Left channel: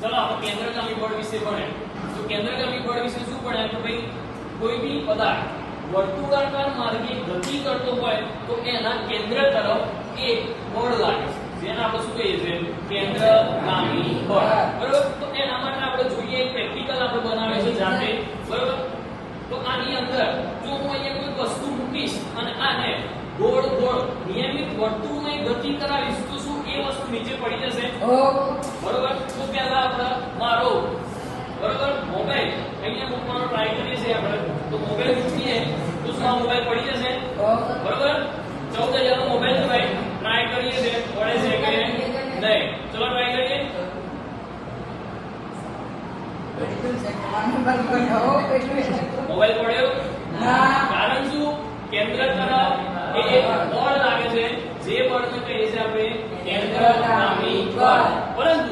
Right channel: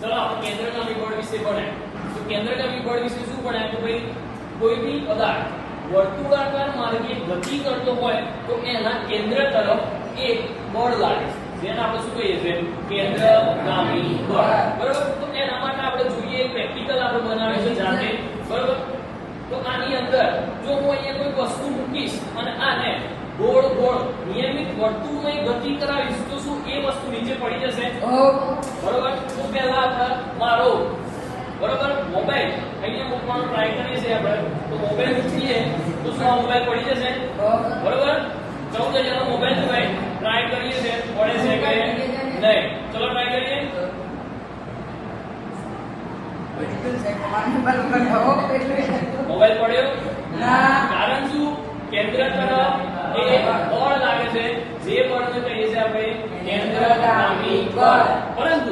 चलो આપણે કેન્દ્રગામી બળ વિશે ભણ્યા તો કેન્દ્રગામી બળ વિશે શું ભણ્યા તો ભાઈ કોઈ બી પદાર્થ વર્તુળાકાર માર્ગે ગતિ કરતો હોય તો એના કેન્દ્ર તરફ એક બળ લાગે છે જેને આપણે શું કહીએ છીએ કેન્દ્રગામી બળ બરાબર તો એના માટે આપણે જોઈએ પ્રેક્ટિકલ આપણે બનાવે છે જાતે બરાબર તો આની અંદર જો હું અહીંયા કોઈ વસ્તુ મૂકીશ અને આને ગોળ ગોળ નિયમિત વર્તુળની ગતિ કરાવીશ તો શું એ વસ્તુ નીચે પડી જશે બરાબર તો પહેલા આપણે મારો બરાબર મોબાઈલ અહીંયા મૂકવાનો ટ્રાય કરીએ છીએ આપણે તો મોબાઈલ મૂકીએ તો શું આ મોબાઈલ પડી જશે બરાબર 14000 નો મોબાઈલ છે ભાઈ ટ્રાય કરીએ છીએ પડે છે કે નહીં ચલો ટ્રાય કરીએ મોબાઈલ પડ્યો ના કારણ શું કેન્દ્ર તરફ એ બળ લાગે છે જે બળને કહીએ છીએ આપણે કેન્દ્રગામી બળ પરંતુ